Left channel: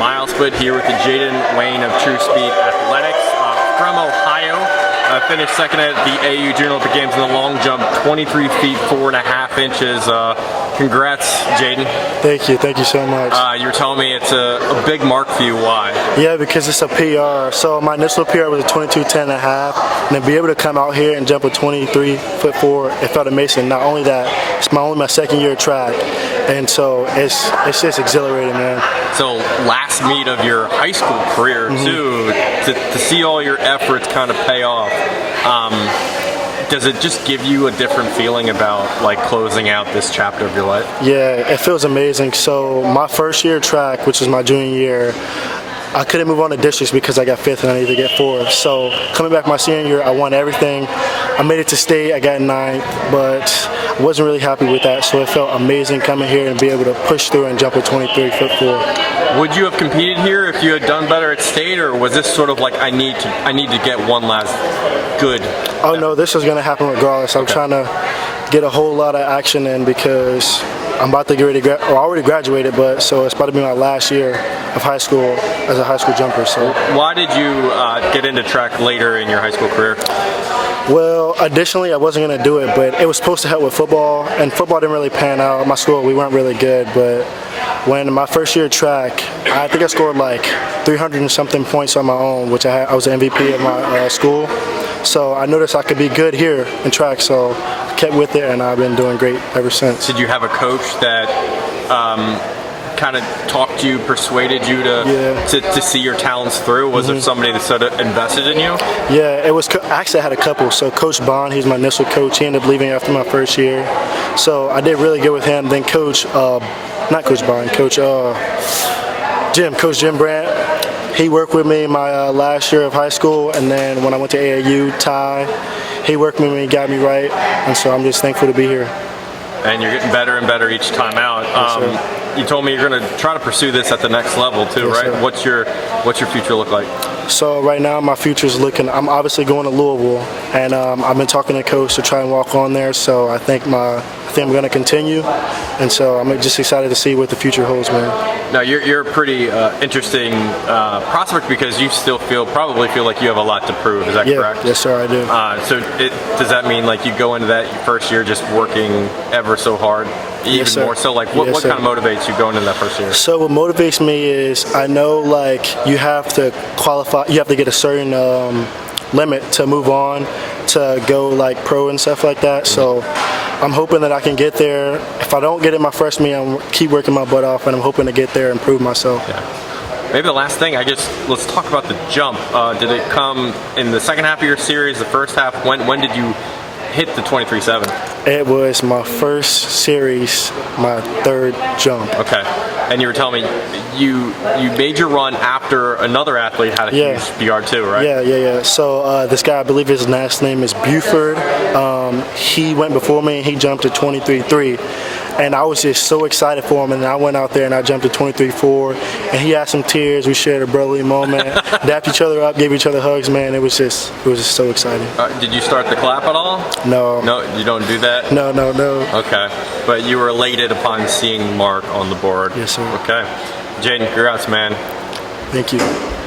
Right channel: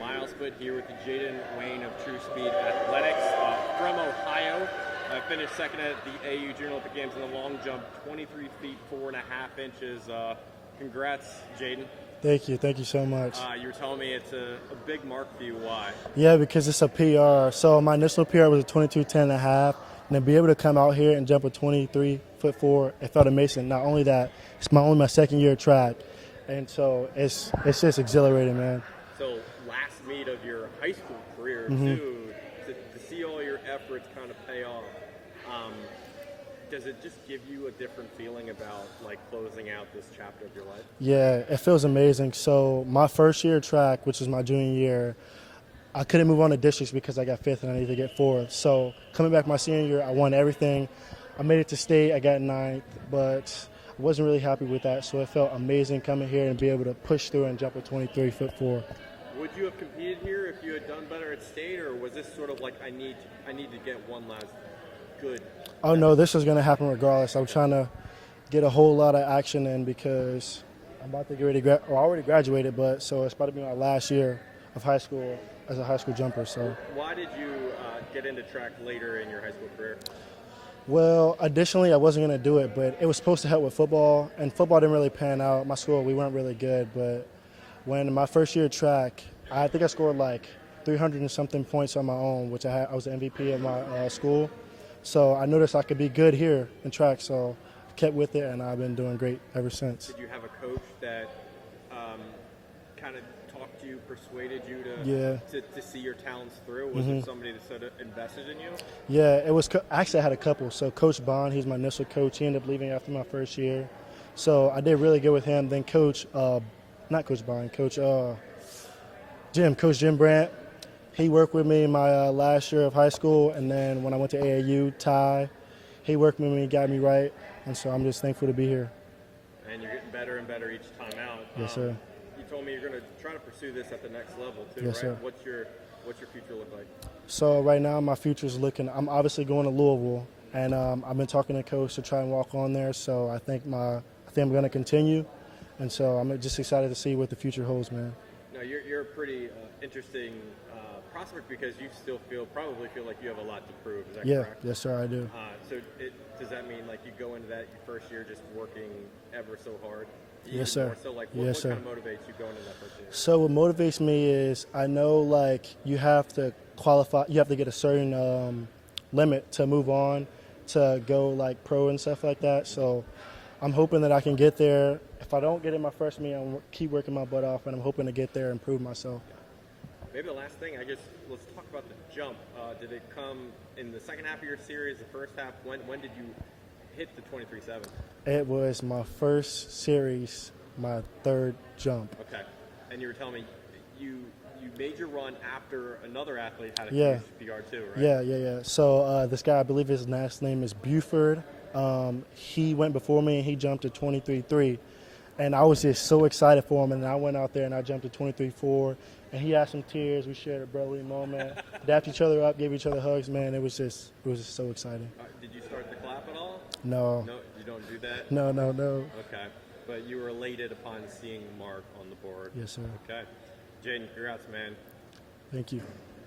mile split here with the Jayden Wayne of True Speed Athletics from Ohio. Finished second at the AAU Junior Olympic Games in the long jump, 23 feet 4.5 inches. Congrats, Jayden. Thank you so much. You were telling me it's a big mark for you. Why? Yeah, because it's a PR. So my initial PR was a 22:10.5, and to be able to come out here and jump a 23'4", it felt amazing. Not only that, it's only my second year of track, and so it's just exhilarating, man. So last meet of your high school career too, to see all your efforts kind of pay off. Does it just give you a different feeling about like closing out this chapter of your life? Yeah, it feels amazing. So my first year of track, which was my junior year, I couldn't move on to districts because I got 5th and I needed to get 4th. So coming back my senior year, I won everything. I made it to state, I got 9th, but I wasn't really happy with that. So it felt amazing coming here and be able to push through and jump a 23'4". Would you have competed here if you had done better at state, or was this sort of like I need to get one last good? Oh no, this is going to happen regardless. I'm trying to get a whole lot of action in because I'm about to get ready to I already graduated, but so it's about to be my last year of high school as a high school jumper. So why did you get into track later in your high school career? Well, additionally, I wasn't going to do it, but it was supposed to help with football, and football didn't really pan out. My school, we weren't really good, but when my first year of track, I think I scored like 300 and something points on my own, which I was the MVP of my school. So I noticed I could be good here in track, so I kept with it, and I've been doing great ever since. Did you have a coach that kind of talked to you, persuaded you to see your talents through? Was there somebody that sort of invested in you? Yeah, it was. Actually, I had a couple. So Coach Bond, he's my initial coach. He ended up leaving after my first year, so I did really good with him. Then Coach, not Coach Bond, Coach Jim Brandt. He worked with me my last year of high school, and then when I went to AAU, Ty, he worked with me, got me right, and so I'm just thankful to be here. And you're getting better and better each time out. Yes, you told me you're going to try to pursue this at the next level too, yes, right? Sir. What's your future look like? So right now my future's looking, I'm obviously going to Louisville, and I've been talking to coach to try and walk on there, so I think I'm going to continue, and so I'm just excited to see what the future holds, man. Now you're a pretty interesting prospect because you still probably feel like you have a lot to prove. Is that correct? Yes, sir, I do. So does that mean like you go into that first year just working ever so hard, even more so? Like what kind of motivates you going into that first year? So what motivates me is I know like you have to qualify, you have to get a certain limit to move on to go like pro and stuff like that. So I'm hoping that I can get there. If I don't get it my first meet, I'm keep working my butt off, and I'm hoping to get there and prove myself. Yeah. Maybe the last thing, let's talk about the jump. Did it come in the second half of your series, the first half? When did you hit the 23.7? It was my first series, my 3rd jump. Okay. And you were telling me you made your run after another athlete had a huge PR too, right? Yeah. So this guy, I believe his last name is Buford. He went before me and he jumped to 23.3. And I was just so excited for him, and I went out there and I jumped to 23.4, and he had some tears. We shared a brotherly moment, dapped each other up, gave each other hugs, man. It was just so exciting. Did you start the clap at all? No. No, you don't do that? No. Okay. But you were elated upon seeing Mark on the board? Yes, sir. Okay. Jayden, congrats, man. Thank you.